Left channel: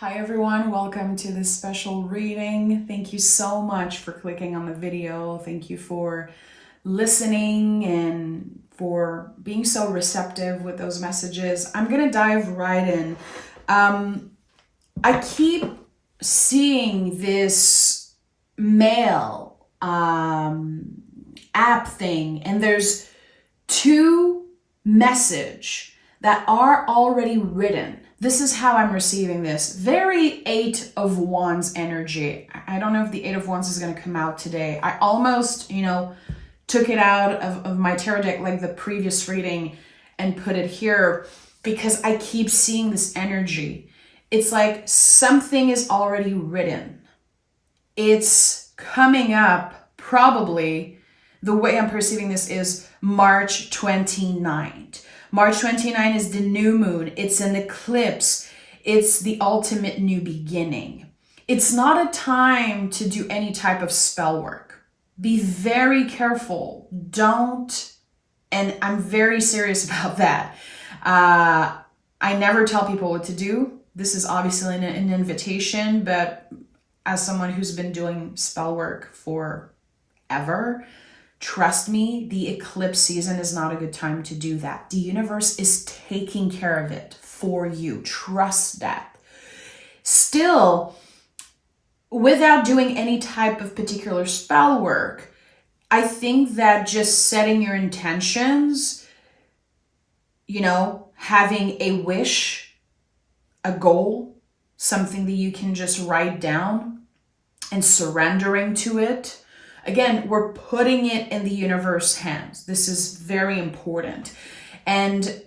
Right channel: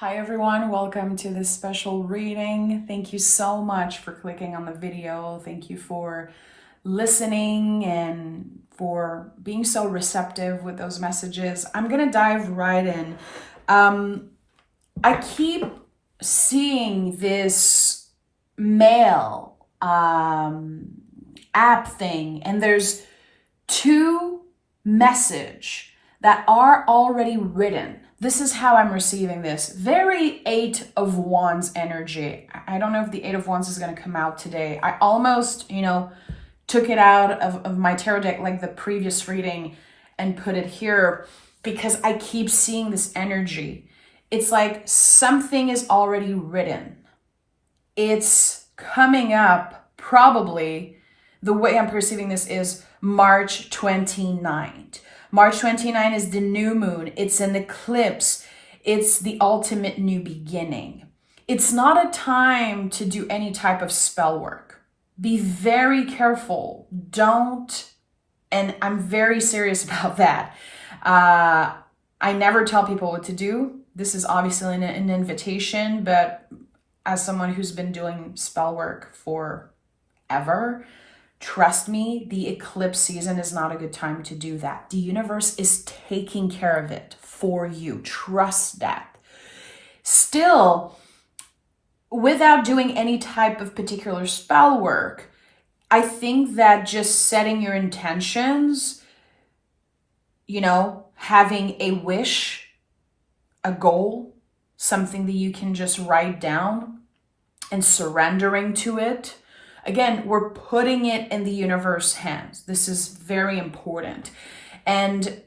Hi everyone, welcome to this special reading. Thank you so much for clicking on the video. Thank you for listening and for being so receptive with those messages. I'm gonna dive right in. I keep seeing this mail app thing, and there's two message that are already written. This is how I'm receiving this. Very Eight of Wands energy. I don't know if the Eight of Wands is going to come out today. I almost, took it out of my tarot deck like the previous reading and put it here because I keep seeing this energy. It's like something is already written. It's coming up probably, the way I'm perceiving this is March 29th. March 29 is the new moon. It's an eclipse. It's the ultimate new beginning. It's not a time to do any type of spell work. Be very careful. Don't, and I'm very serious about that. I never tell people what to do. This is obviously an invitation, but as someone who's been doing spell work forever, trust me, the eclipse season is not a good time to do that. The universe is taking care of it for you. Trust that. Still, without doing any type of particular spell work, I think that just setting your intentions, having a wish, a goal, something that you can just write down and surrendering to it. Again, we're putting it in the universe's hands. This is very important. And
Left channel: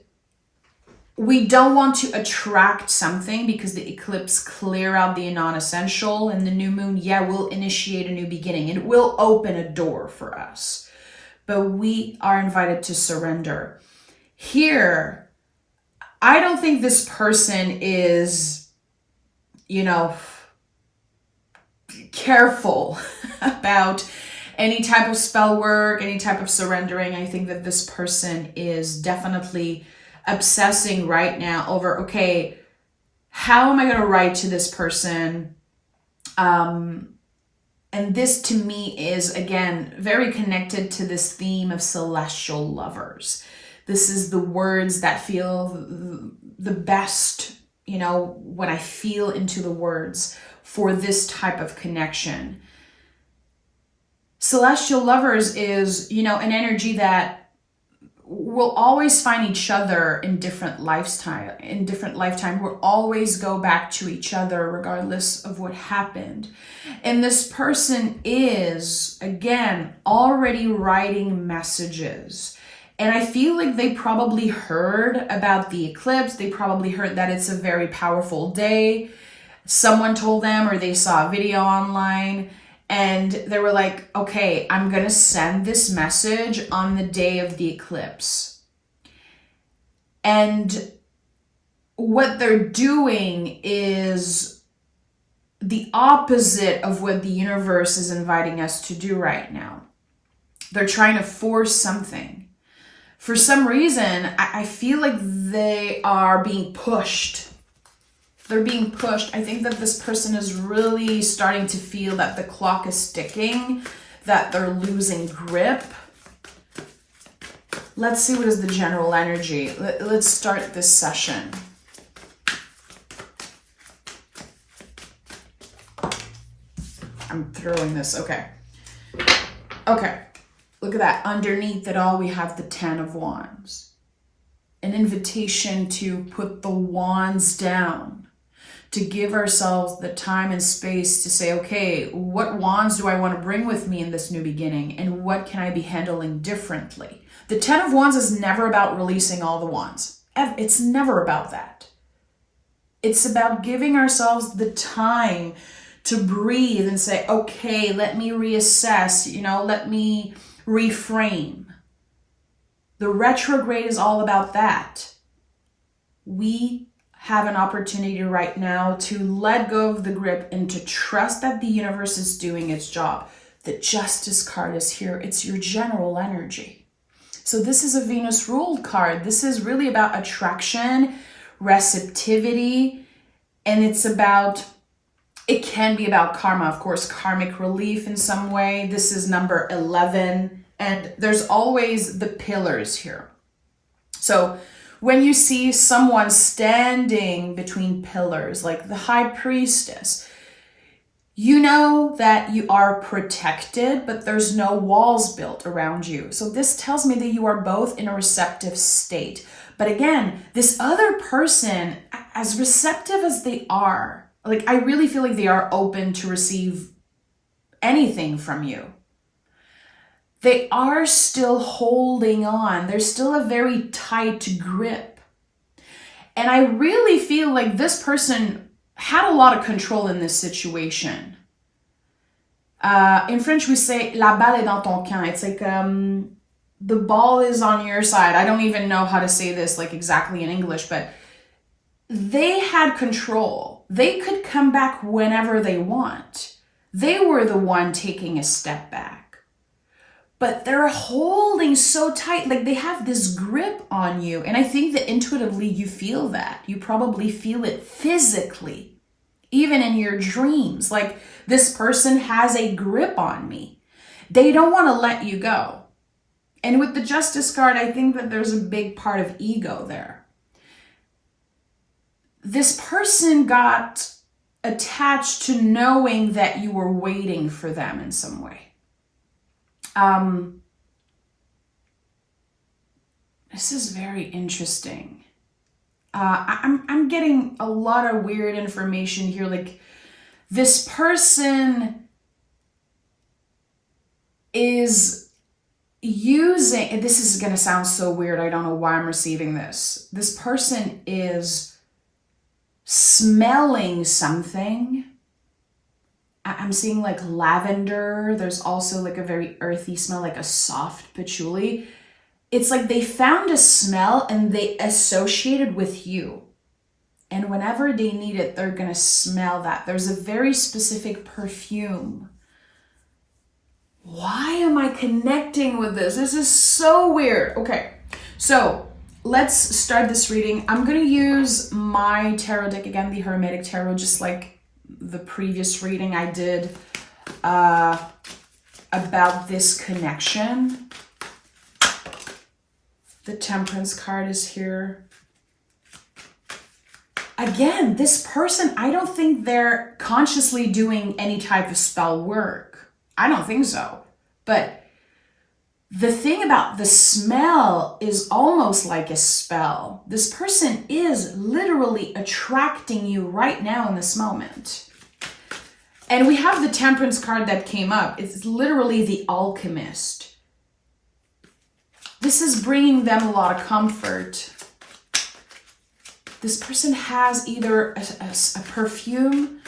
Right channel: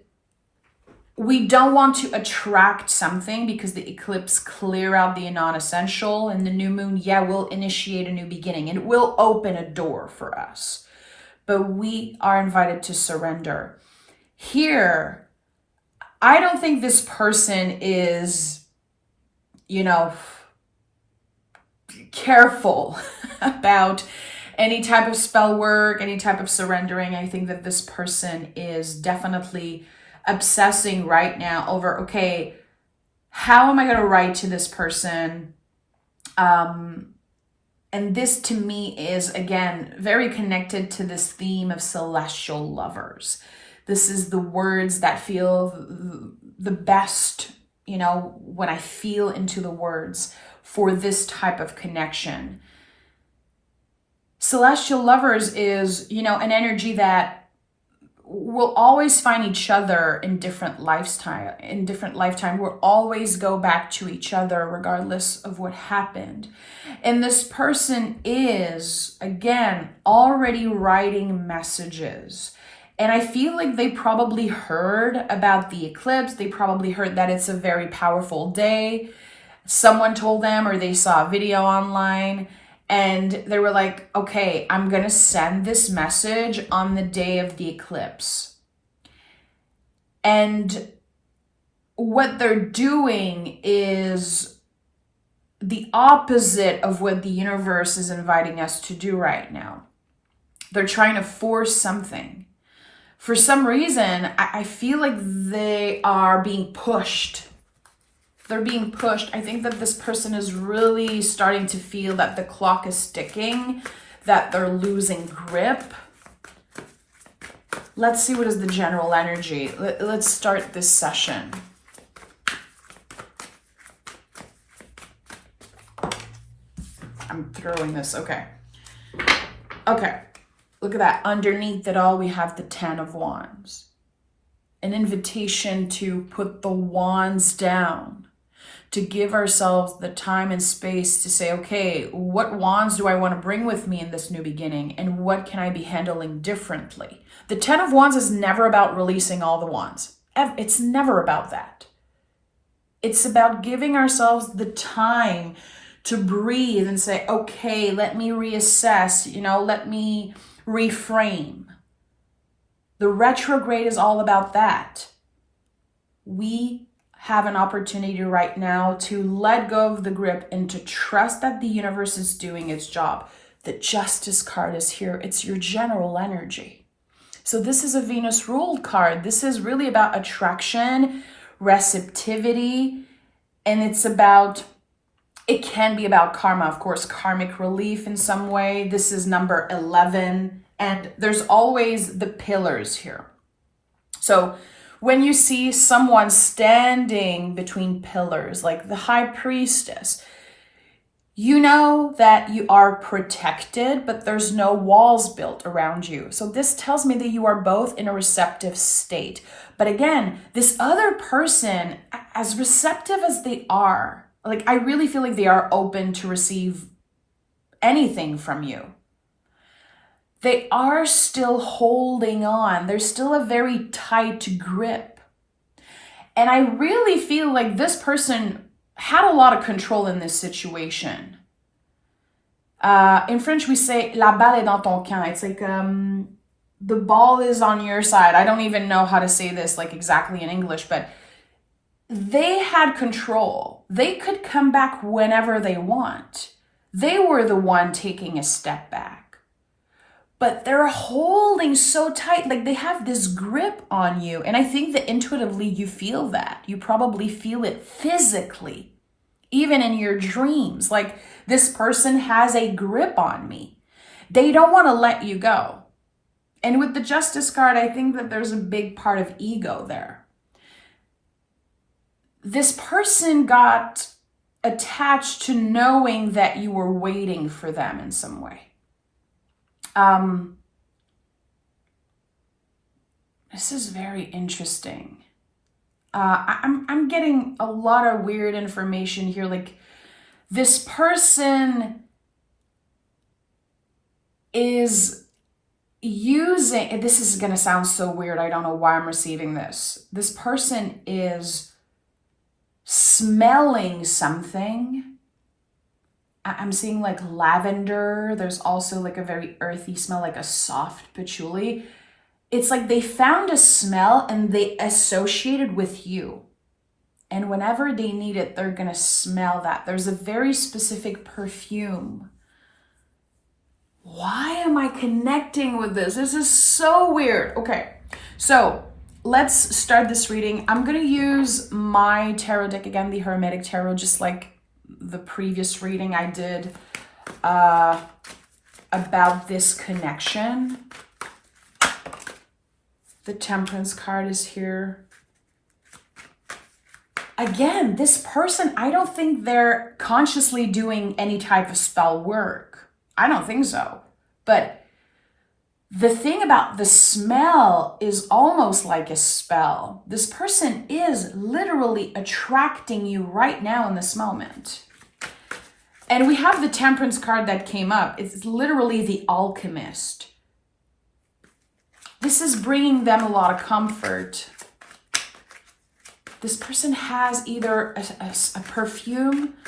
we don't want to attract something because the eclipse clear out the non-essential, and the new moon, will initiate a new beginning. It will open a door for us. But we are invited to surrender. Here, I don't think this person is, careful about any type of spell work, any type of surrendering. I think that this person is definitely obsessing right now over, okay, how am I going to write to this person? And this to me is, again, very connected to this theme of celestial lovers. This is the words that feel the best, when I feel into the words for this type of connection. Celestial lovers is, an energy that will always find each other in different lifetime. We'll always go back to each other regardless of what happened. And this person is, again, already writing messages. And I feel like they probably heard about the eclipse. They probably heard that it's a very powerful day. Someone told them, or they saw a video online, and they were like, okay, I'm going to send this message on the day of the eclipse. And what they're doing is the opposite of what the universe is inviting us to do right now. They're trying to force something. For some reason, I feel like they are being pushed. They're being pushed. I think that this person is really starting to feel that the clock is ticking, that they're losing grip. Let's see what is the general energy. Let's start this session. I'm throwing this. Okay. Look at that. Underneath it all, we have the Ten of Wands. An invitation to put the wands down, to give ourselves the time and space to say, okay, what wands do I want to bring with me in this new beginning? And what can I be handling differently? The Ten of Wands is never about releasing all the wands. It's never about that. It's about giving ourselves the time to breathe and say, okay, let me reassess, let me reframe. The retrograde is all about that. We have an opportunity right now to let go of the grip and to trust that the universe is doing its job. The Justice card is here. It's your general energy. So this is a Venus ruled card. This is really about attraction, receptivity, And it can be about karma, of course, karmic relief in some way. This is number 11. And there's always the pillars here. So when you see someone standing between pillars, like the high priestess, you know that you are protected, but there's no walls built around you. So this tells me that you are both in a receptive state. But again, this other person, as receptive as they are, like I really feel like they are open to receive anything from you. They are still holding on. There's still a very tight grip. And I really feel like this person had a lot of control in this situation. In French, we say la balle est dans ton camp. It's like the ball is on your side. I don't even know how to say this like exactly in English, but they had control. They could come back whenever they want. They were the one taking a step back. But they're holding so tight, like they have this grip on you. And I think that intuitively you feel that. You probably feel it physically. Even in your dreams, like this person has a grip on me. They don't want to let you go. And with the Justice card, I think that there's a big part of ego there. This person got attached to knowing that you were waiting for them in some way. This is very interesting. I'm getting a lot of weird information here. Like this person is using, and this is going to sound so weird. I don't know why I'm receiving this. This person is smelling something. I'm seeing like lavender. There's also like a very earthy smell, like a soft patchouli. It's like they found a smell and they associated with you. And whenever they need it, they're going to smell that. There's a very specific perfume. Why am I connecting with this? This is so weird. Okay, so let's start this reading. I'm going to use my tarot deck again, the Hermetic Tarot, just like the previous reading I did about this connection. The Temperance card is here. Again, this person, I don't think they're consciously doing any type of spell work. I don't think so. But the thing about the smell is almost like a spell. This person is literally attracting you right now in this moment. And we have the Temperance card that came up. It's literally the alchemist. This is bringing them a lot of comfort. This person has either a perfume,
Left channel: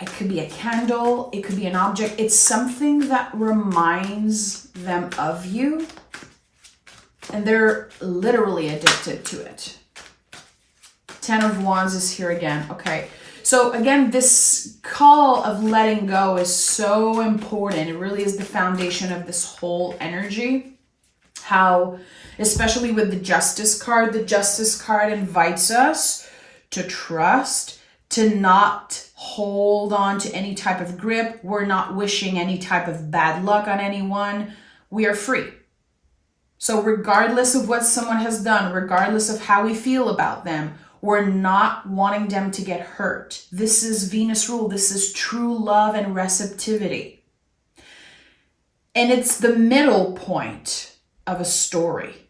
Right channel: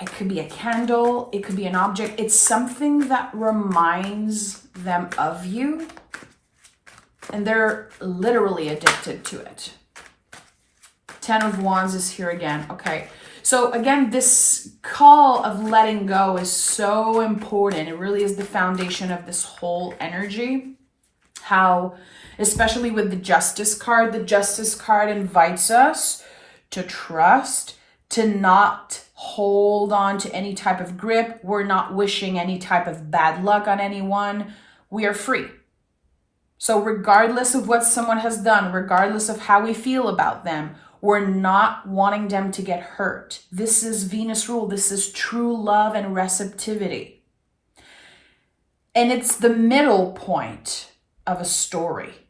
it could be a candle, it could be an object. It's something that reminds them of you, and they're literally addicted to it. 10 of Wands is here again. Okay, so again, this call of letting go is so important. It really is the foundation of this whole energy. How, especially with the Justice card invites us to trust, to not hold on to any type of grip. We're not wishing any type of bad luck on anyone. We are free. So regardless of what someone has done, regardless of how we feel about them, we're not wanting them to get hurt. This is Venus rule. This is true love and receptivity. And it's the middle point of a story.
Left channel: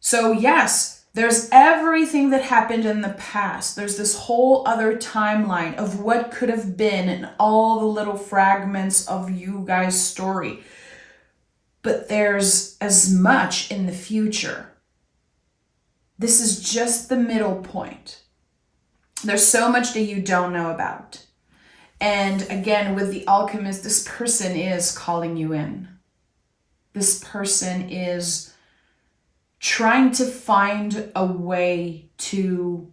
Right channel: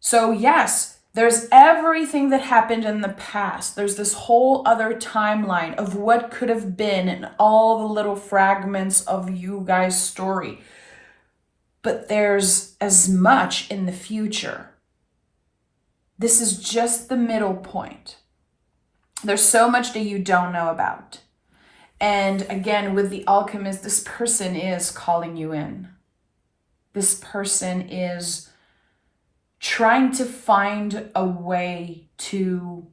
So yes, there's everything that happened in the past. There's this whole other timeline of what could have been and all the little fragments of you guys' story. But there's as much in the future. This is just the middle point. There's so much that you don't know about. And again, with the alchemist, this person is calling you in. This person is trying to find a way to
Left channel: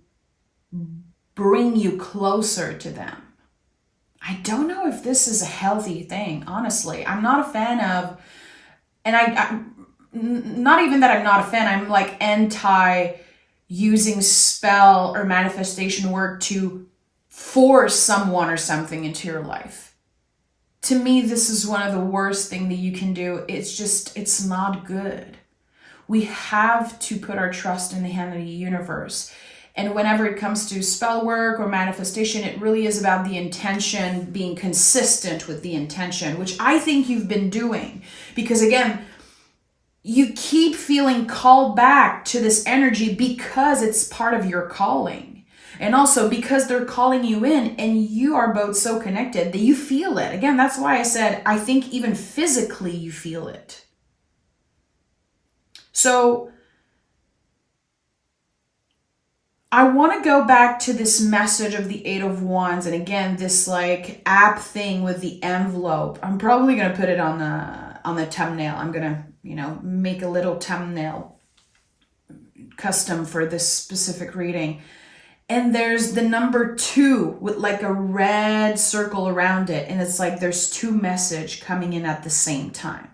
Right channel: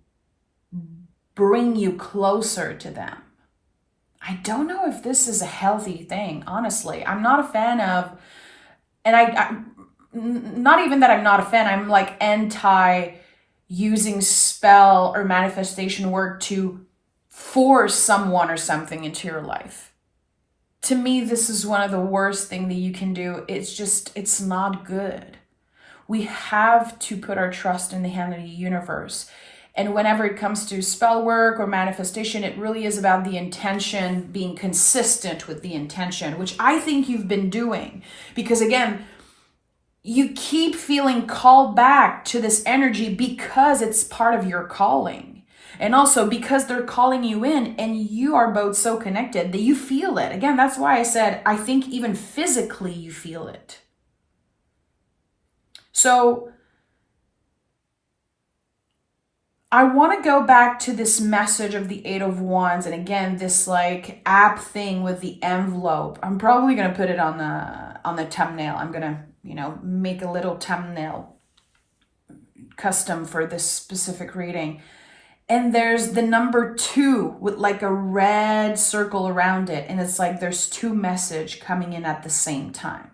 bring you closer to them. I don't know if this is a healthy thing, honestly. I'm not a fan of, and I not even that I'm not a fan, I'm like anti using spell or manifestation work to force someone or something into your life. To me, this is one of the worst things that you can do. It's not good. We have to put our trust in the hand of the universe. And whenever it comes to spell work or manifestation, it really is about the intention, being consistent with the intention, which I think you've been doing. Because again, you keep feeling called back to this energy because it's part of your calling. And also because they're calling you in and you are both so connected that you feel it. Again, that's why I said, I think even physically you feel it. So I want to go back to this message of the Eight of Wands. And again, this like app thing with the envelope. I'm probably going to put it on the thumbnail. I'm going to, make a little thumbnail custom for this specific reading. And there's the number 2 with like a red circle around it. And it's like there's 2 messages coming in at the same time.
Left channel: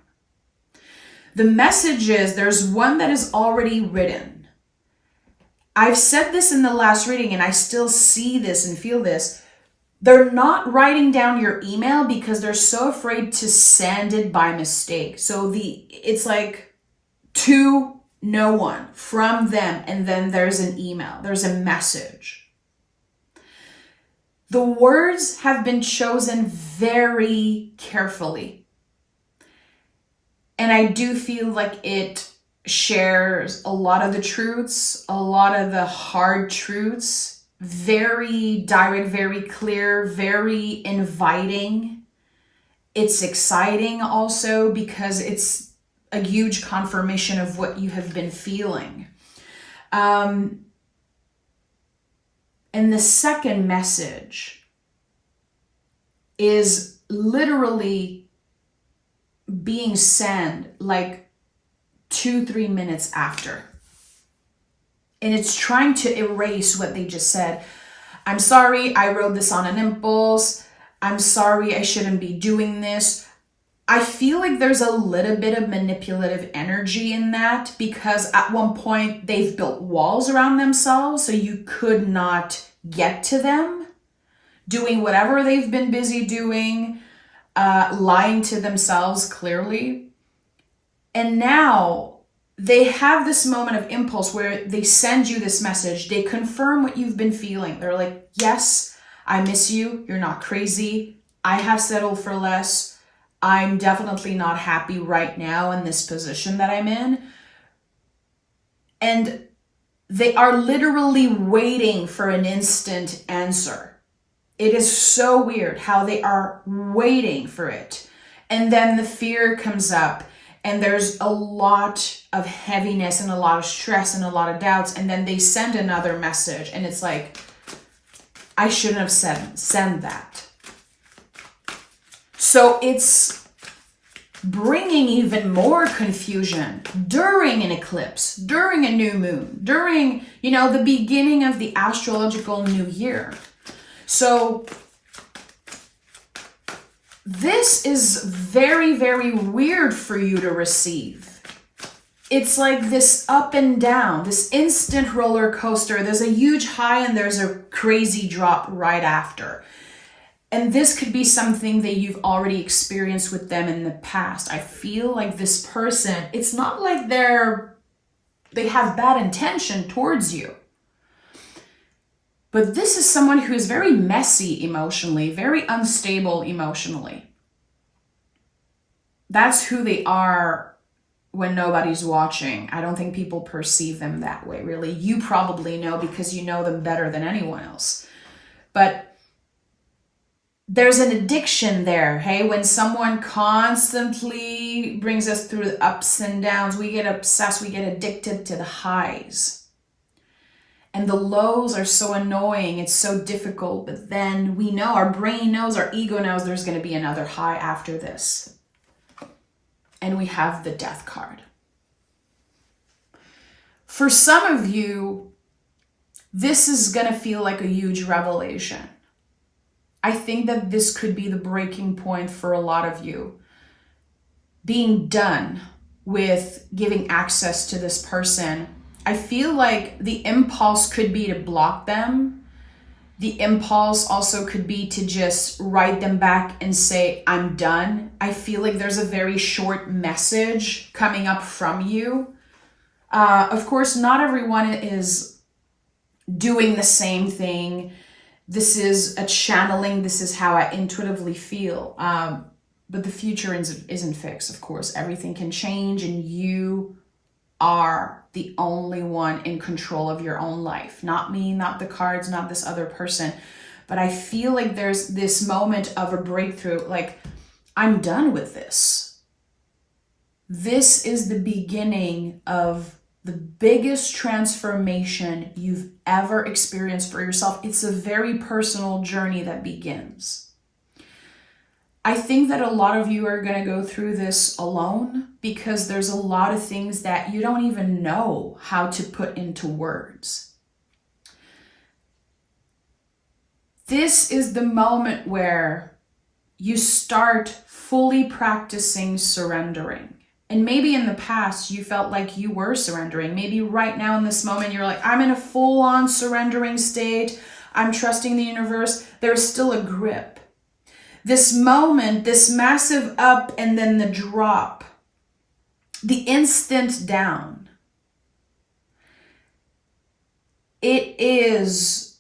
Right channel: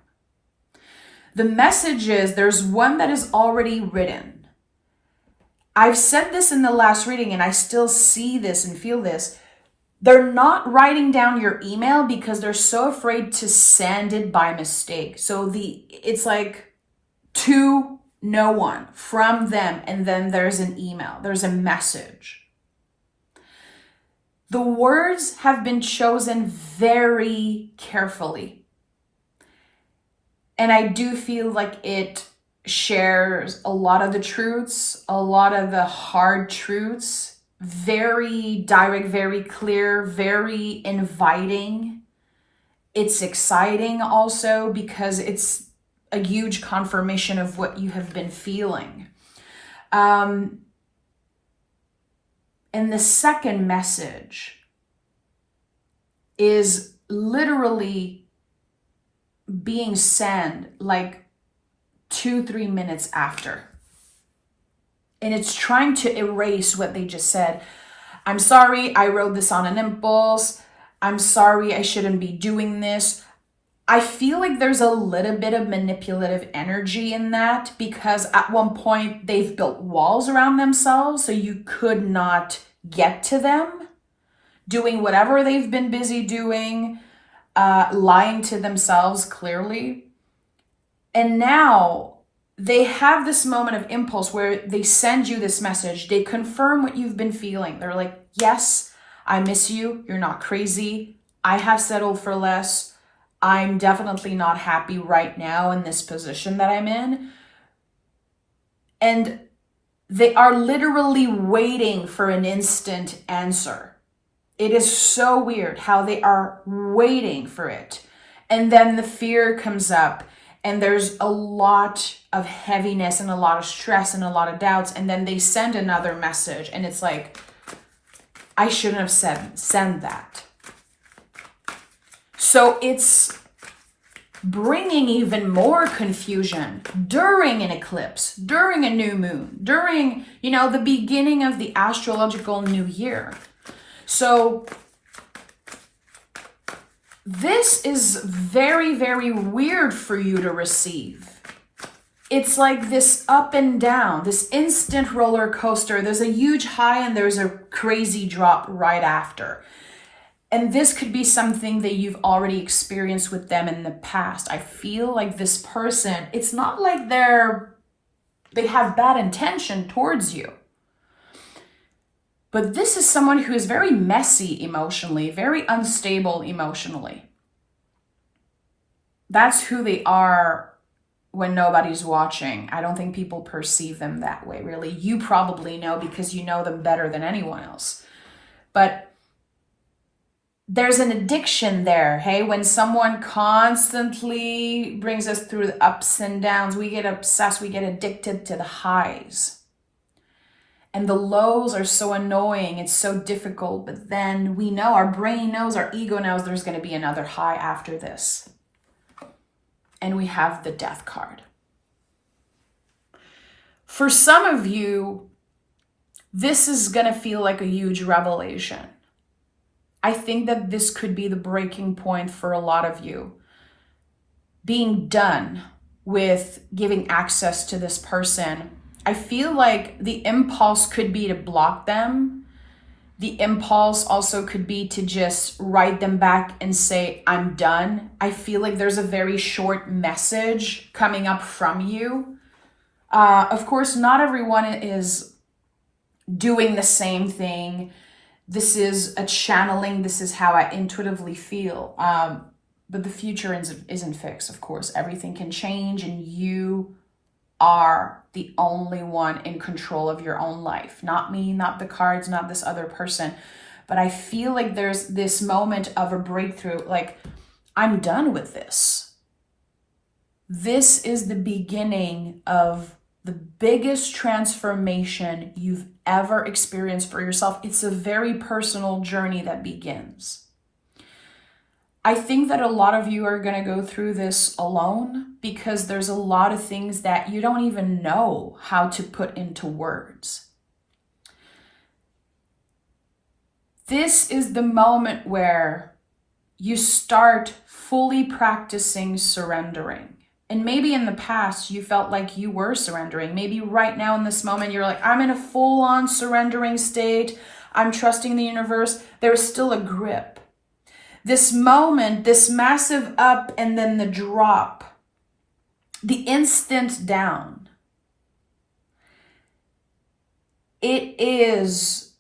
The message is there's one that is already written. I've said this in the last reading and I still see this and feel this. They're not writing down your email because they're so afraid to send it by mistake. So it's like to no one from them, and then there's an email, there's a message. The words have been chosen very carefully. And I do feel like it shares a lot of the truths, a lot of the hard truths, very direct, very clear, very inviting. It's exciting also because it's a huge confirmation of what you have been feeling. And the second message is literally being sent like 2-3 minutes after. And it's trying to erase what they just said. I'm sorry, I wrote this on an impulse. I'm sorry, I shouldn't be doing this. I feel like there's a little bit of manipulative energy in that because at one point they've built walls around themselves so you could not get to them, doing whatever they've been busy doing, lying to themselves clearly. And now they have this moment of impulse where they send you this message. They confirm what you've been feeling. They're like, yes, I miss you. You're not crazy. I have settled for less. I'm definitely not happy right now in this position that I'm in. And they are literally waiting for an instant answer. It is so weird how they are waiting for it. And then the fear comes up and there's a lot of heaviness and a lot of stress and a lot of doubts. And then they send another message and it's like, I shouldn't have send that. So it's bringing even more confusion during an eclipse, during a new moon, during, the beginning of the astrological new year. So this is very, very weird for you to receive. It's like this up and down, this instant roller coaster. There's a huge high and there's a crazy drop right after. And this could be something that you've already experienced with them in the past. I feel like this person, it's not like they have bad intention towards you. But this is someone who is very messy emotionally, very unstable emotionally. That's who they are when nobody's watching. I don't think people perceive them that way, really. You probably know because you know them better than anyone else. But there's an addiction there, hey? When someone constantly brings us through the ups and downs, we get obsessed, we get addicted to the highs. And the lows are so annoying, it's so difficult, but then we know, our brain knows, our ego knows there's going to be another high after this. And we have the Death card. For some of you, this is going to feel like a huge revelation. I think that this could be the breaking point for a lot of you. Being done with giving access to this person. I feel like the impulse could be to block them, The impulse also could be to just write them back and say, I'm done. I feel like there's a very short message coming up from you. Of course, not everyone is doing the same thing. This is a channeling. This is how I intuitively feel. But the future isn't fixed, of course. Everything can change, and you are the only one in control of your own life. Not me, not the cards, not this other person. But I feel like there's this moment of a breakthrough, like, I'm done with this. This is the beginning of the biggest transformation you've ever experienced for yourself. It's a very personal journey that begins. I think that a lot of you are going to go through this alone because there's a lot of things that you don't even know how to put into words. This is the moment where you start fully practicing surrendering. And maybe in the past you felt like you were surrendering. Maybe right now in this moment you're like, I'm in a full-on surrendering state. I'm trusting the universe. There's still a grip. This moment, this massive up and then the drop, the instant down, it is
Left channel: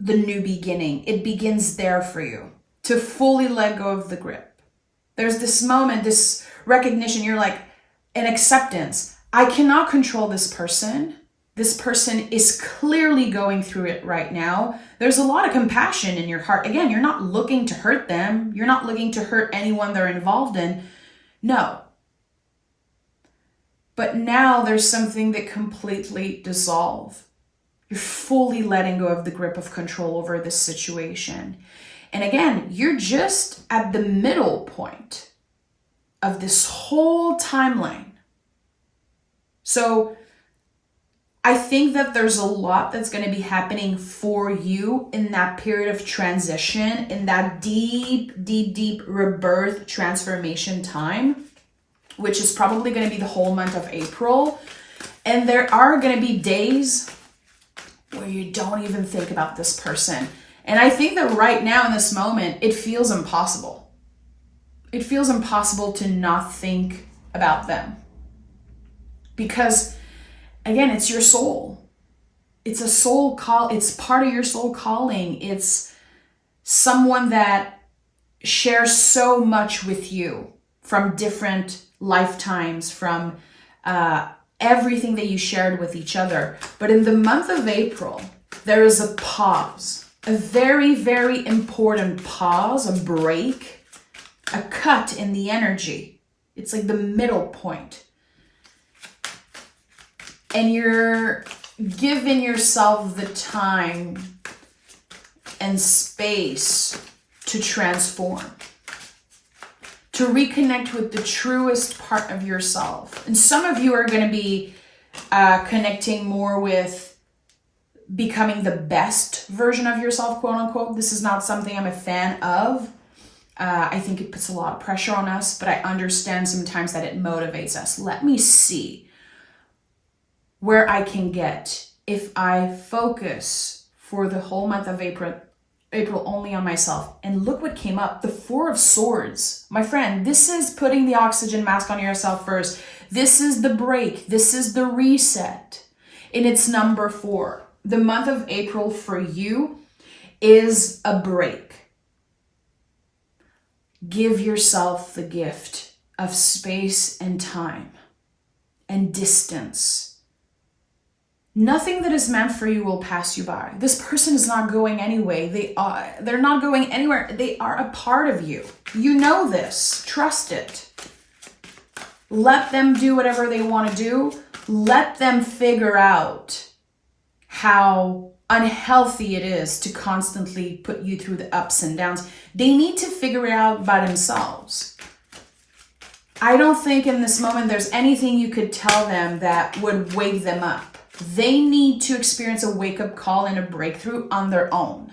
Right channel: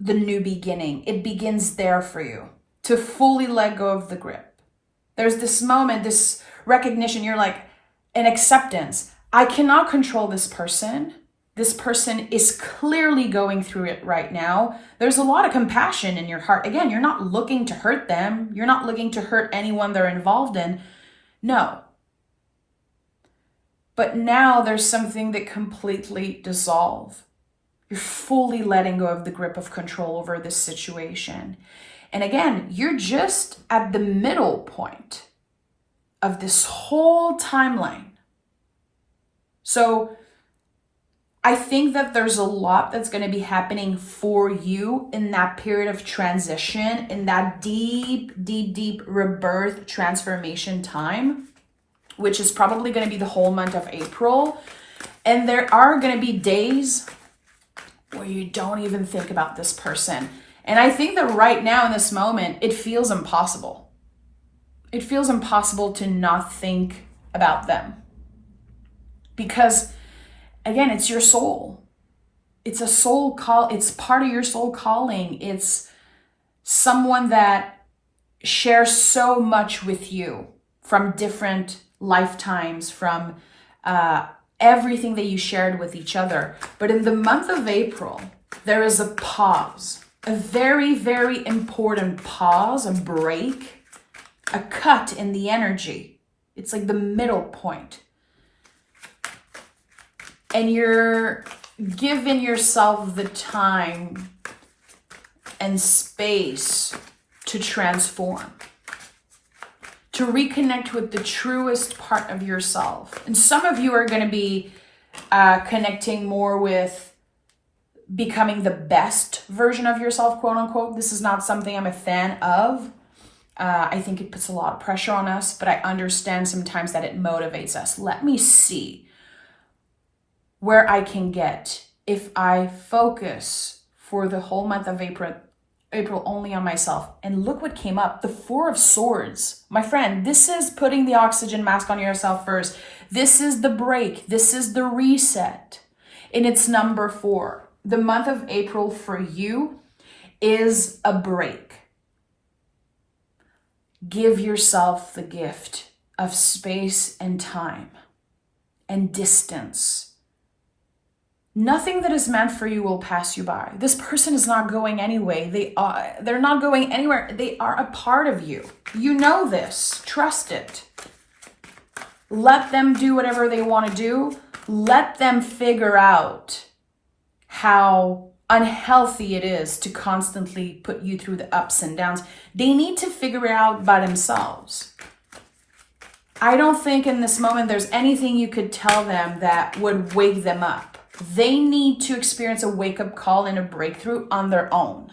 the new beginning. It begins there for you to fully let go of the grip. There's this moment, this recognition, you're like, an acceptance. I cannot control this person. This person is clearly going through it right now. There's a lot of compassion in your heart. Again, you're not looking to hurt them. You're not looking to hurt anyone they're involved in. No. But now there's something that completely dissolves. You're fully letting go of the grip of control over this situation. And again, you're just at the middle point of this whole timeline. So I think that there's a lot that's going to be happening for you in that period of transition, in that deep, deep, deep rebirth transformation time, which is probably going to be the whole month of April. And there are going to be days where you don't even think about this person. And I think that right now in this moment, it feels impossible. It feels impossible to not think about them. Because again, it's your soul. It's a soul call. It's part of your soul calling. It's someone that shares so much with you from different lifetimes, from everything that you shared with each other. But in the month of April, there is a pause, a very, very important pause, a break, a cut in the energy. It's like the middle point. And you're giving yourself the time and space to transform, to reconnect with the truest part of yourself. And some of you are going to be connecting more with becoming the best version of yourself, quote unquote. This is not something I'm a fan of. I think it puts a lot of pressure on us, but I understand sometimes that it motivates us. Let me see where I can get if I focus for the whole month of April only on myself. And look what came up, the Four of Swords. My friend, this is putting the oxygen mask on yourself first. This is the break. This is the reset. And it's number 4. The month of April for you is a break. Give yourself the gift of space and time and distance. Nothing that is meant for you will pass you by. This person is not going anyway. They're not going anywhere. They are a part of you. You know this. Trust it. Let them do whatever they want to do. Let them figure out how unhealthy it is to constantly put you through the ups and downs. They need to figure it out by themselves. I don't think in this moment there's anything you could tell them that would wake them up. They need to experience a wake-up call and a breakthrough on their own.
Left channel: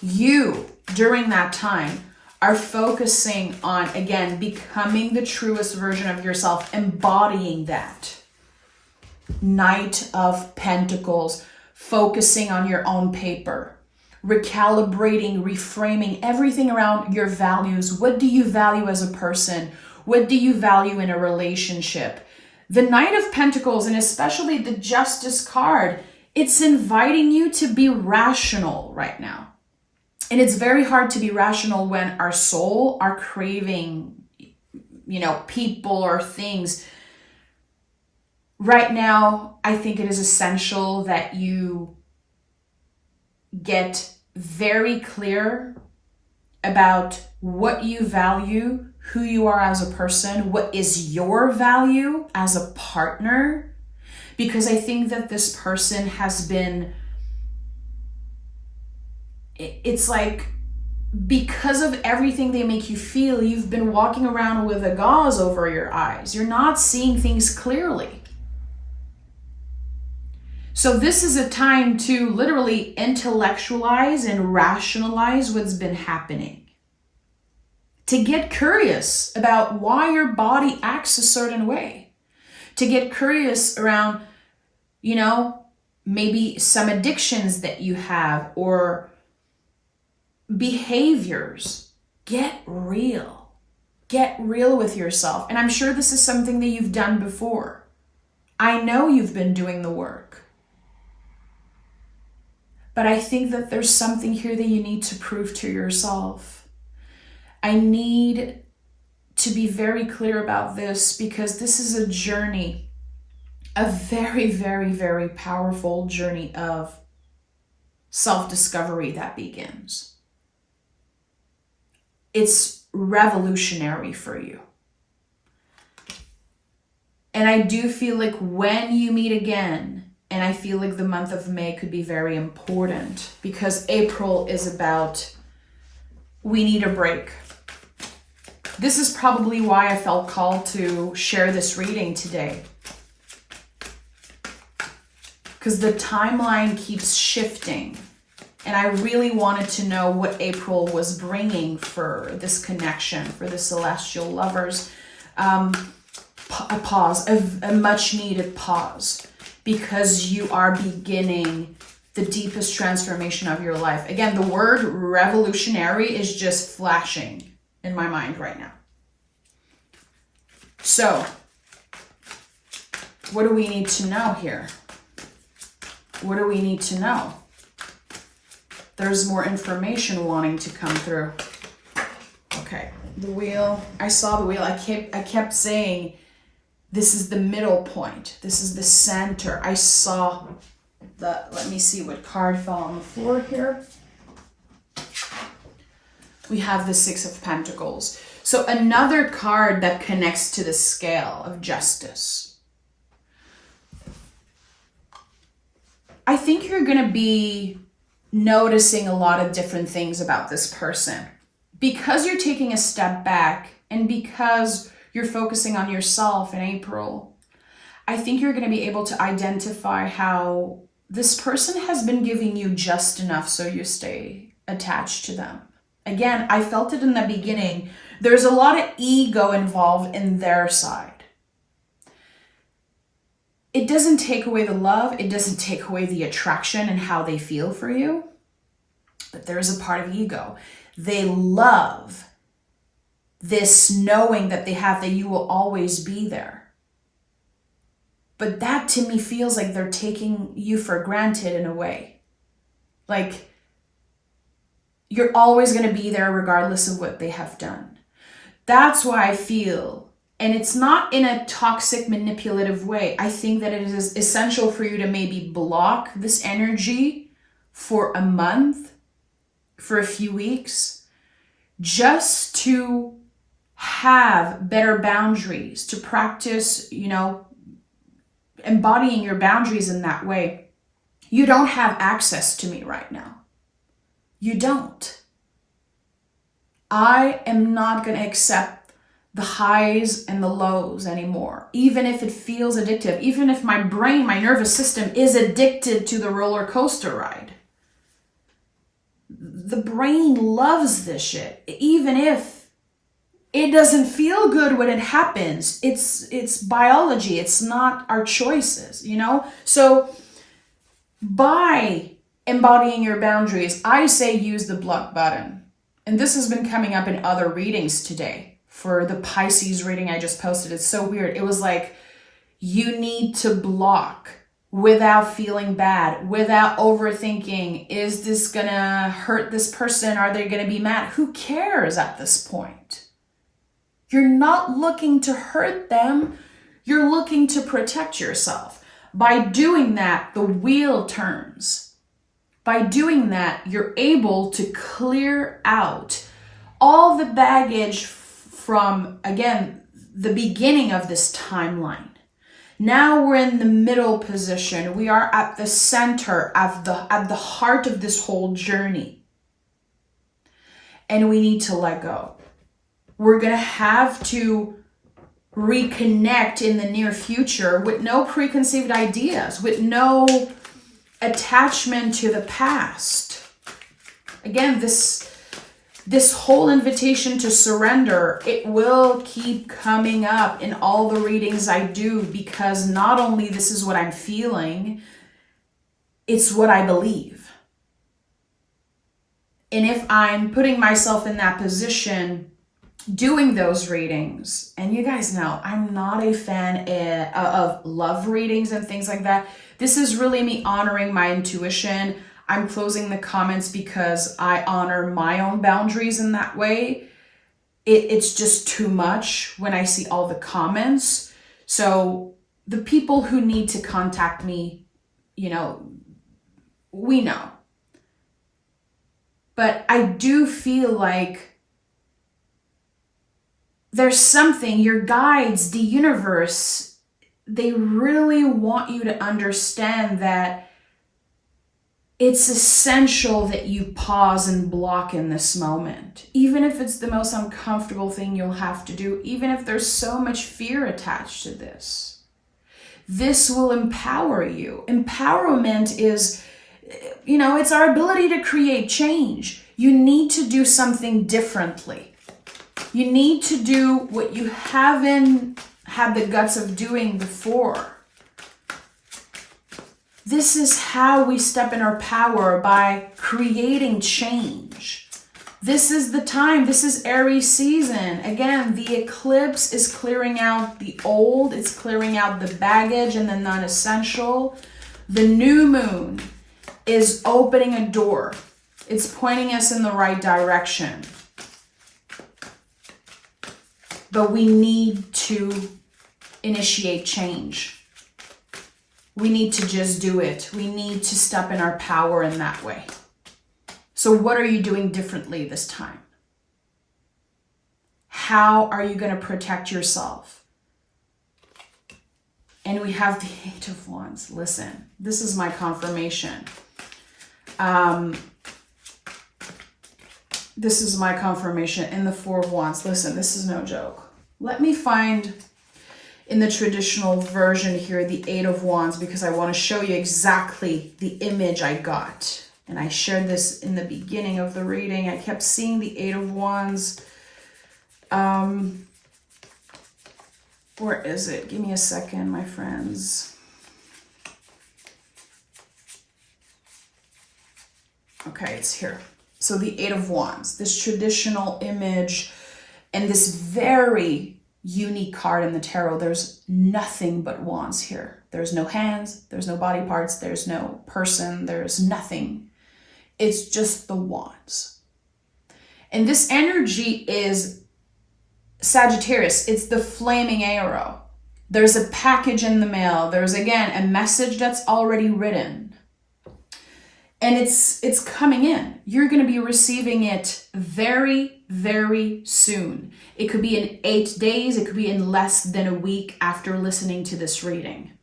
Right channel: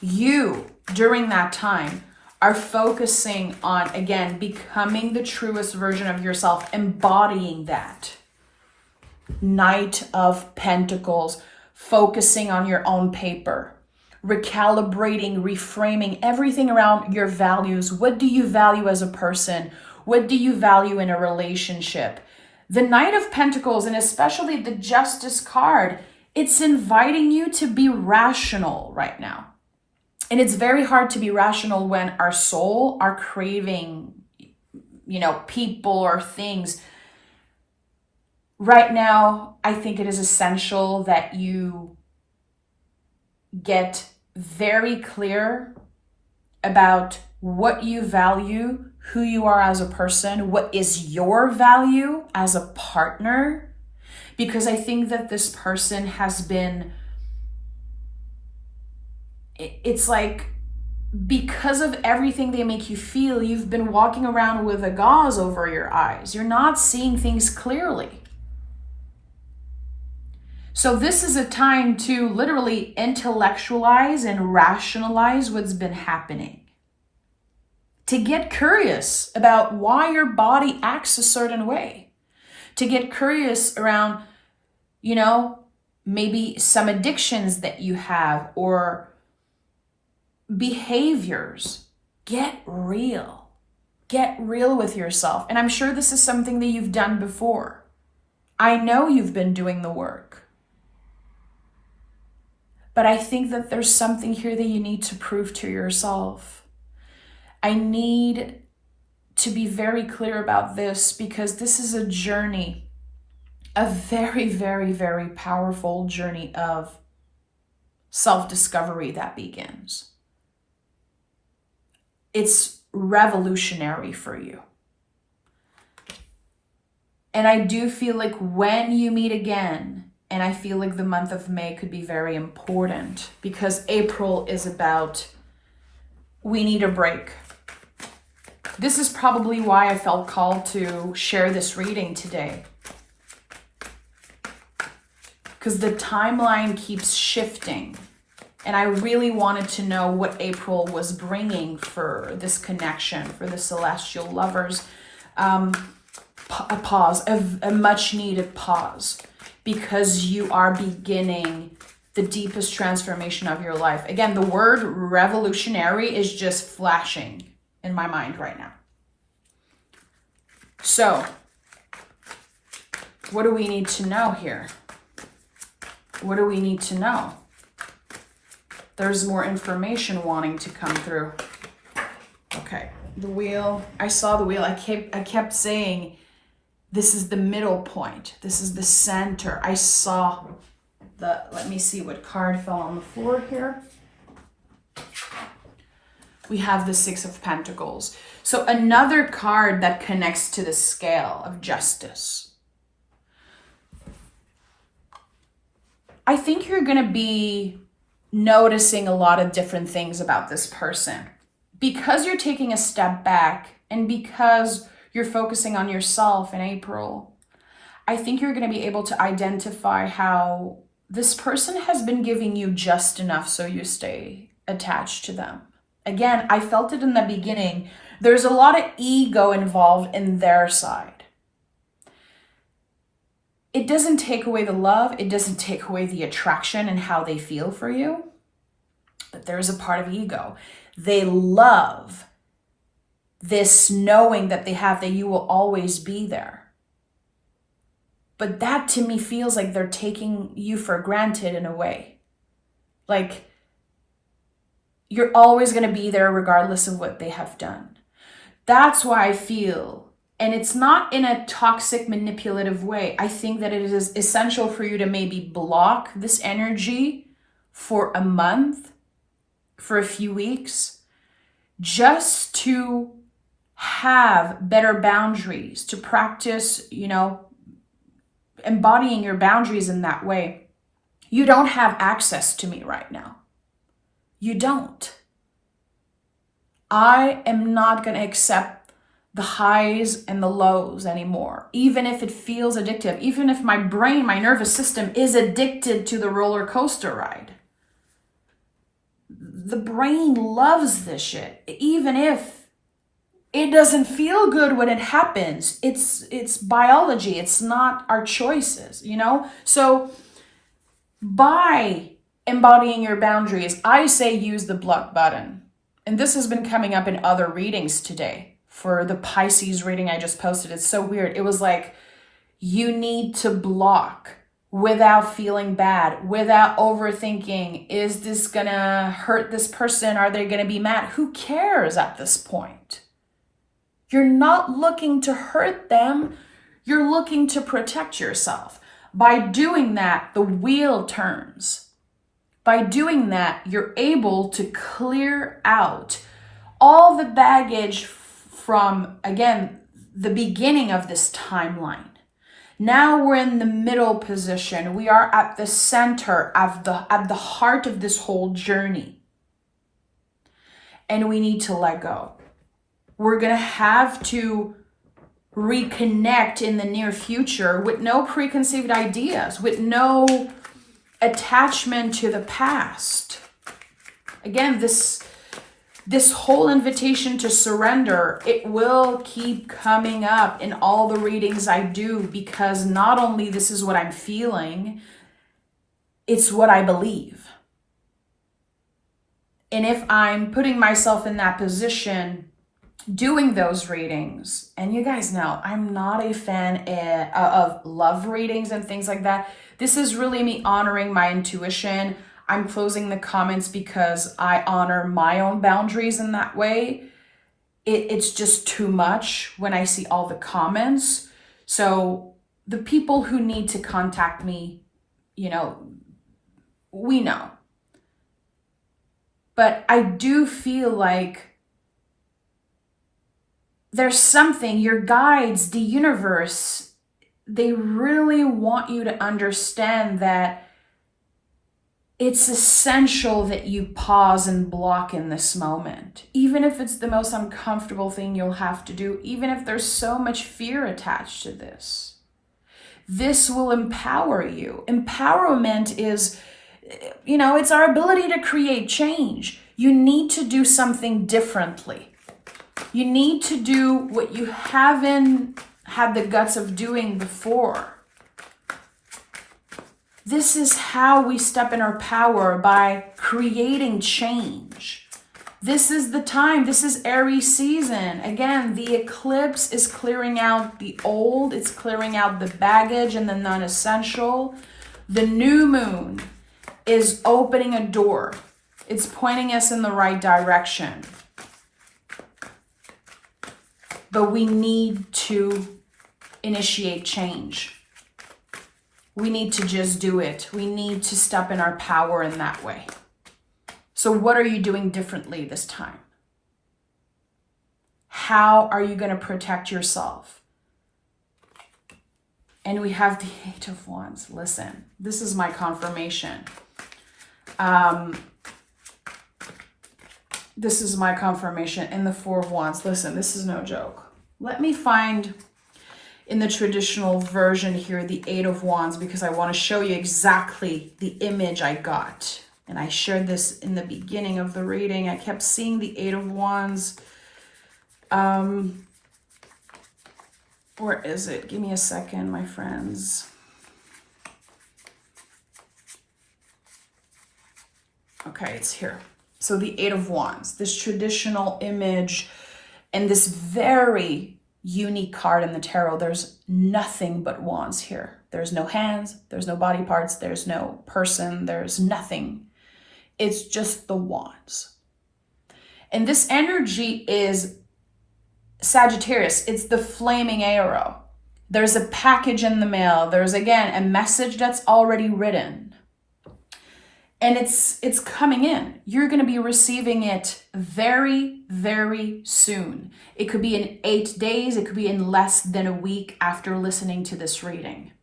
You, during that time, are focusing on, again, becoming the truest version of yourself, embodying that. Knight of Pentacles, focusing on your own paper, recalibrating, reframing everything around your values. What do you value as a person? What do you value in a relationship? The Knight of Pentacles, and especially the Justice card, it's inviting you to be rational right now. And it's very hard to be rational when our soul are craving, people or things. Right now, I think it is essential that you get very clear about what you value, who you are as a person, what is your value as a partner. Because I think that this person has been, it's like, because of everything they make you feel, you've been walking around with a gauze over your eyes. You're not seeing things clearly. So this is a time to literally intellectualize and rationalize what's been happening. To get curious about why your body acts a certain way. To get curious around, maybe some addictions that you have or behaviors. Get real. Get real with yourself. And I'm sure this is something that you've done before. I know you've been doing the work. But I think that there's something here that you need to prove to yourself. I need to be very clear about this because this is a journey, a very, very, very powerful journey of self-discovery that begins. It's revolutionary for you. And I do feel like when you meet again, and I feel like the month of May could be very important because April is about, we need a break. This is probably why I felt called to share this reading today. Because the timeline keeps shifting. And I really wanted to know what April was bringing for this connection, for the celestial lovers. A pause, a much needed pause. Because you are beginning the deepest transformation of your life. Again, the word revolutionary is just flashing in my mind right now. So, what do we need to know here? What do we need to know? There's more information wanting to come through. Okay, the wheel. I saw the wheel. I kept saying, this is the middle point. This is the center. I saw let me see what card fell on the floor here. We have the Six of Pentacles. So another card that connects to the scale of justice. I think you're going to be noticing a lot of different things about this person. Because you're taking a step back and because you're focusing on yourself in April, I think you're going to be able to identify how this person has been giving you just enough so you stay attached to them. Again, I felt it in the beginning. There's a lot of ego involved in their side. It doesn't take away the love. It doesn't take away the attraction and how they feel for you. But there is a part of ego. They love this knowing that they have that you will always be there. But that to me feels like they're taking you for granted in a way. Like you're always going to be there regardless of what they have done. That's why I feel, and it's not in a toxic, manipulative way. I think that it is essential for you to maybe block this energy for a month, for a few weeks, just to have better boundaries, to practice, embodying your boundaries in that way. You don't have access to me right now. You don't. I am not going to accept the highs and the lows anymore, even if it feels addictive, even if my brain, my nervous system is addicted to the roller coaster ride. The brain loves this shit, even if it doesn't feel good when it happens. It's biology. It's not our choices, So By embodying your boundaries, I say use the block button. And this has been coming up in other readings today. For the Pisces reading I just posted, it's so weird. It was like, you need to block without feeling bad, without overthinking. Is this gonna hurt this person? Are they gonna be mad? Who cares at this point? You're not looking to hurt them. You're looking to protect yourself. By doing that, the wheel turns. By doing that, you're able to clear out all the baggage from, again, the beginning of this timeline. Now we're in the middle position. We are at the center, at the heart of this whole journey. And we need to let go. We're going to have to reconnect in the near future with no preconceived ideas, with no attachment to the past. Again, this whole invitation to surrender, it will keep coming up in all the readings I do, because not only this is what I'm feeling, it's what I believe. And if I'm putting myself in that position, doing those readings, and you guys know I'm not a fan of love readings and things like that. This is really me honoring my intuition. I'm closing the comments because I honor my own boundaries in that way. It's just too much when I see all the comments. So the people who need to contact me, we know. But I do feel like there's something, your guides, the universe, they really want you to understand that it's essential that you pause and block in this moment. Even if it's the most uncomfortable thing you'll have to do, even if there's so much fear attached to this. This will empower you. Empowerment is, it's our ability to create change. You need to do something differently. You need to do what you haven't had the guts of doing before. This is how we step in our power, by creating change. This is the time. This is Aries season. Again, the eclipse is clearing out the old. It's clearing out the baggage and the non-essential. The new moon is opening a door. It's pointing us in the right direction. But we need to initiate change. We need to just do it. We need to step in our power in that way. So what are you doing differently this time? How are you going to protect yourself? And we have the Eight of Wands. Listen, this is my confirmation. This is my confirmation. And the Four of Wands. Listen, this is no joke. Let me find in the traditional version here the Eight of Wands, because I want to show you exactly the image I got. And I shared this in the beginning of the reading. I kept seeing the Eight of Wands. Where is it? Give me a second, my friends. Okay, it's here. So the Eight of Wands, this traditional image, and this very unique card in the tarot. There's nothing but wands here. There's no hands, there's no body parts, there's no person, there's nothing. It's just the wands. And this energy is Sagittarius. It's the flaming arrow. There's a package in the mail. There's, again, a message that's already written. And it's coming in. You're going to be receiving it very, very soon. It could be in 8 days. It could be in less than a week after listening to this reading.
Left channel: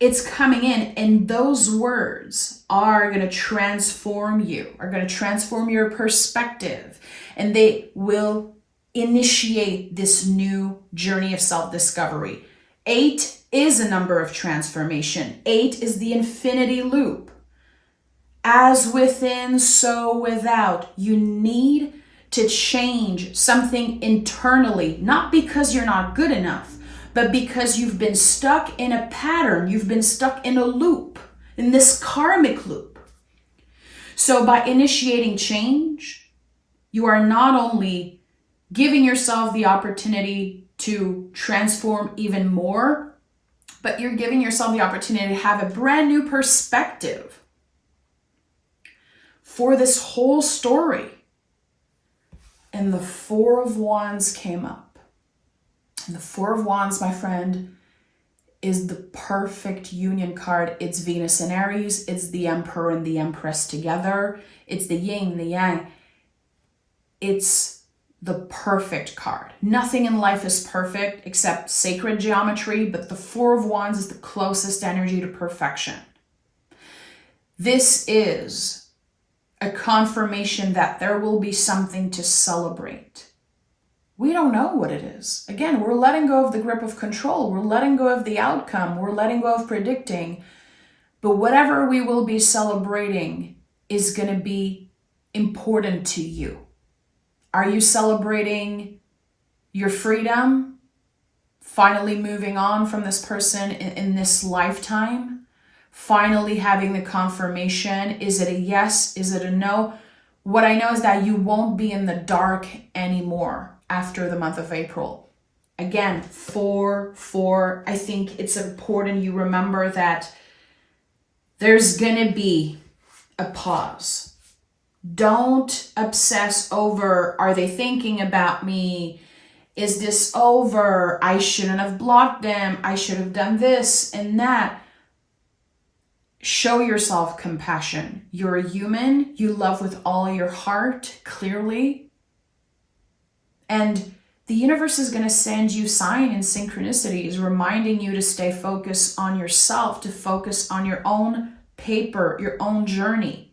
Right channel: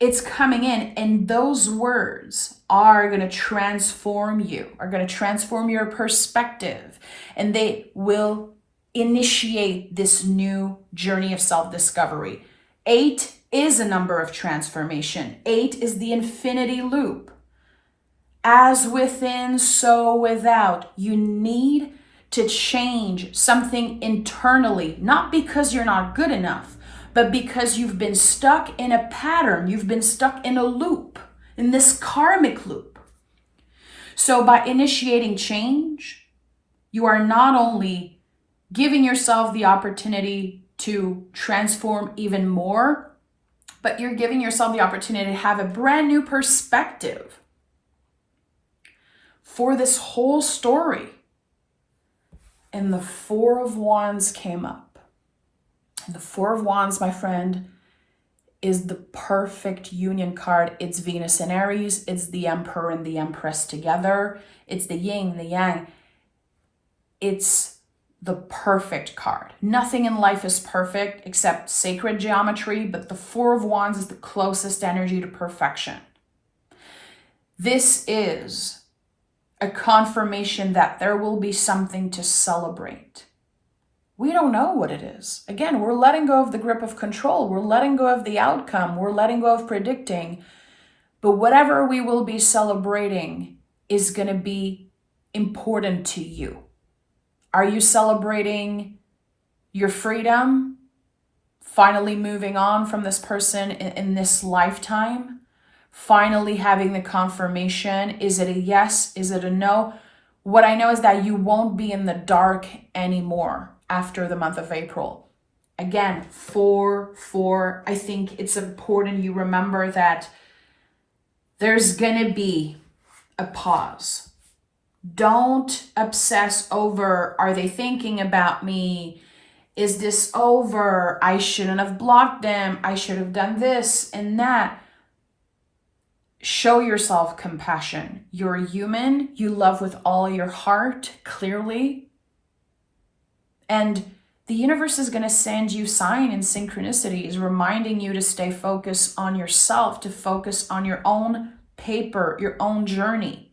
It's coming in, and those words are going to transform you, are going to transform your perspective, and they will initiate this new journey of self-discovery. 8 is a number of transformation. 8 is the infinity loop. As within, so without. You need to change something internally, not because you're not good enough, but because you've been stuck in a pattern, you've been stuck in a loop, in this karmic loop. So by initiating change, you are not only giving yourself the opportunity to transform even more, but you're giving yourself the opportunity to have a brand new perspective for this whole story. And the Four of Wands came up. And the Four of Wands, my friend, is the perfect union card. It's Venus and Aries. It's the Emperor and the Empress together. It's the yin and the yang. It's the perfect card. Nothing in life is perfect except sacred geometry, but the Four of Wands is the closest energy to perfection. This is a confirmation that there will be something to celebrate. We don't know what it is. Again, we're letting go of the grip of control. We're letting go of the outcome. We're letting go of predicting. But whatever we will be celebrating is going to be important to you. Are you celebrating your freedom? Finally moving on from this person in this lifetime? Finally having the confirmation? Is it a yes? Is it a no? What I know is that you won't be in the dark anymore after the month of April. Again, 4-4. I think it's important you remember that there's gonna be a pause. Don't obsess over, are they thinking about me? Is this over? I shouldn't have blocked them. I should have done this and that. Show yourself compassion. You're a human. You love with all your heart, clearly. And the universe is going to send you signs and synchronicities, reminding you to stay focused on yourself, to focus on your own paper, your own journey.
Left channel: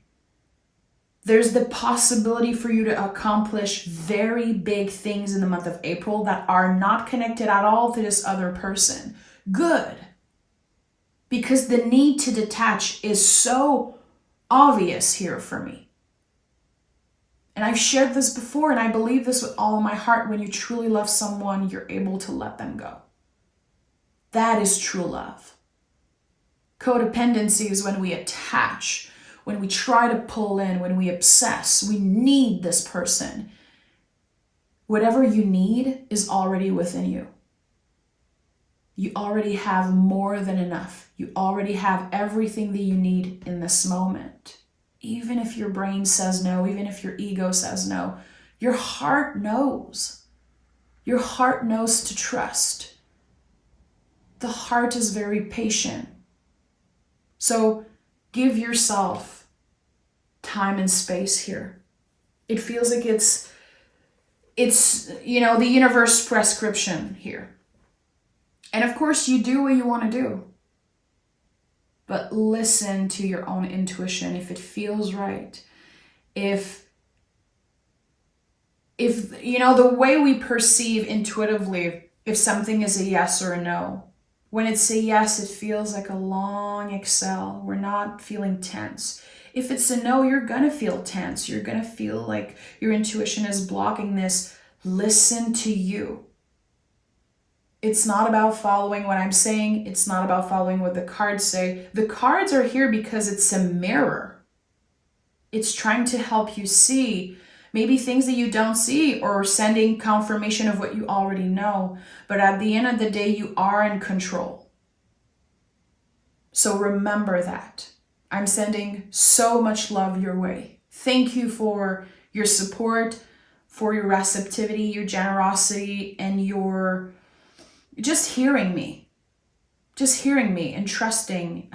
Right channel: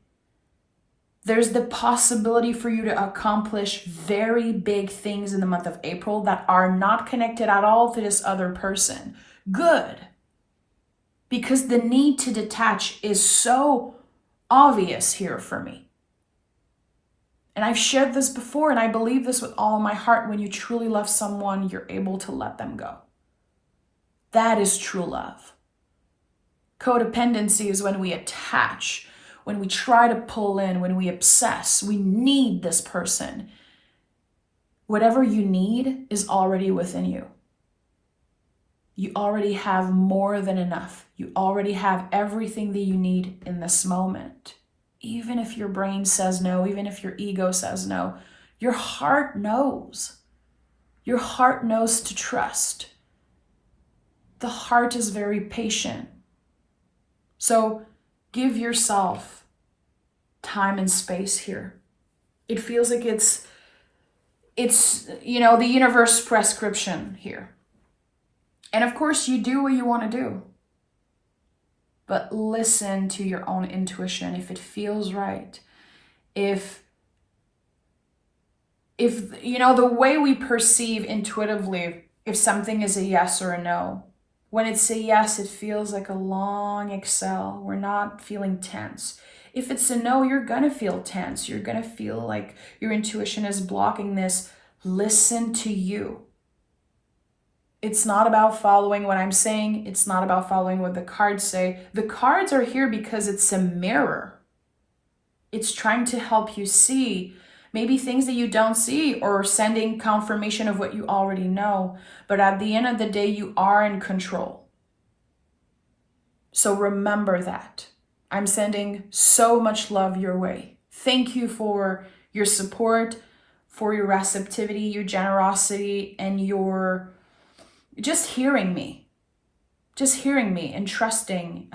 There's the possibility for you to accomplish very big things in the month of April that are not connected at all to this other person. Good. Because the need to detach is so obvious here for me. And I've shared this before, and I believe this with all my heart. When you truly love someone, you're able to let them go. That is true love. Codependency is when we attach, when we try to pull in, when we obsess. We need this person. Whatever you need is already within you. You already have more than enough. You already have everything that you need in this moment. Even if your brain says no, even if your ego says no, your heart knows. Your heart knows to trust. The heart is very patient. So give yourself time and space here. It feels like it's the universe prescription here. And of course, you do what you want to do. But listen to your own intuition if it feels right. If the way we perceive intuitively, if something is a yes or a no. When it's a yes, it feels like a long exhale. We're not feeling tense. If it's a no, you're going to feel tense. You're going to feel like your intuition is blocking this. Listen to you. It's not about following what I'm saying. It's not about following what the cards say. The cards are here because it's a mirror. It's trying to help you see maybe things that you don't see, or sending confirmation of what you already know. But at the end of the day, you are in control. So remember that. I'm sending so much love your way. Thank you for your support, for your receptivity, your generosity, and your just hearing me and trusting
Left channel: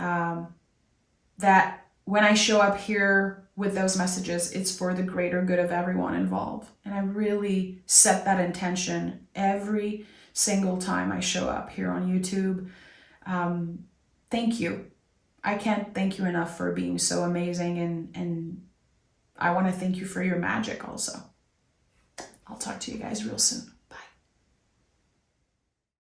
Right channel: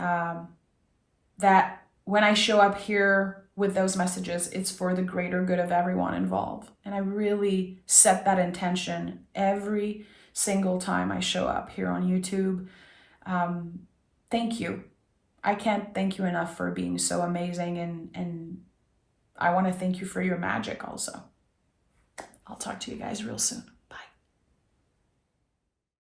that when I show up here with those messages, it's for the greater good of everyone involved. And I really set that intention every single time I show up here on YouTube. Thank you. I can't thank you enough for being so amazing, and I want to thank you for your magic also. I'll talk to you guys real soon.